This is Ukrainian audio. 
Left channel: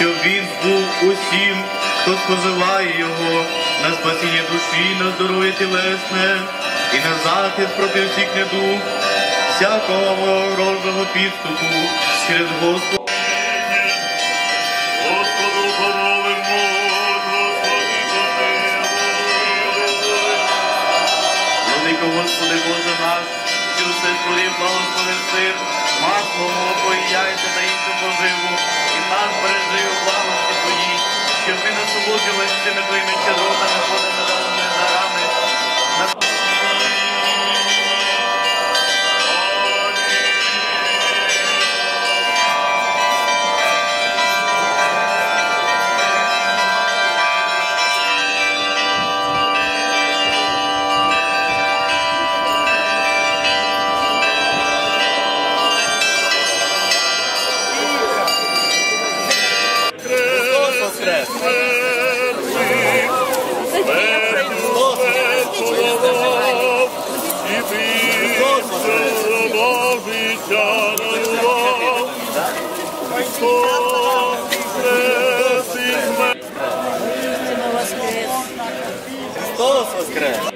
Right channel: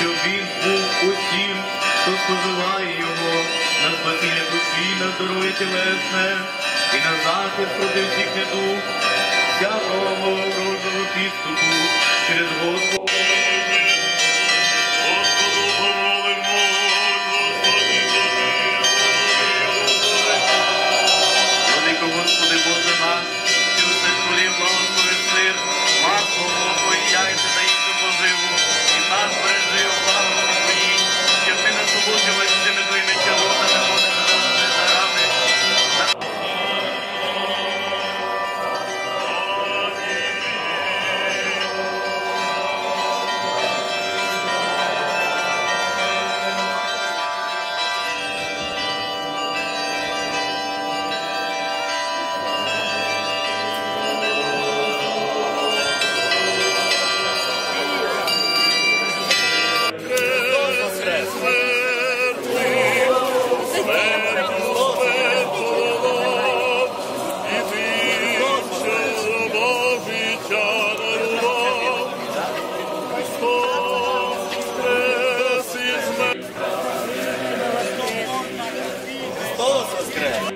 щоб він був усім, хто споживає його, на спасіння душі, на здоров'я тілесне і на захист проти всіх недуг, всякого ворожого підступу через Господа. Господи, Боже наш, що все створив благослови сир, масло, молоко і яйця та іншу поживу, і нас бережи у благості Твоїй, щоб ми насолоджувалися цими Твоїми чаротами, ходами, дарами, bolsas grandes.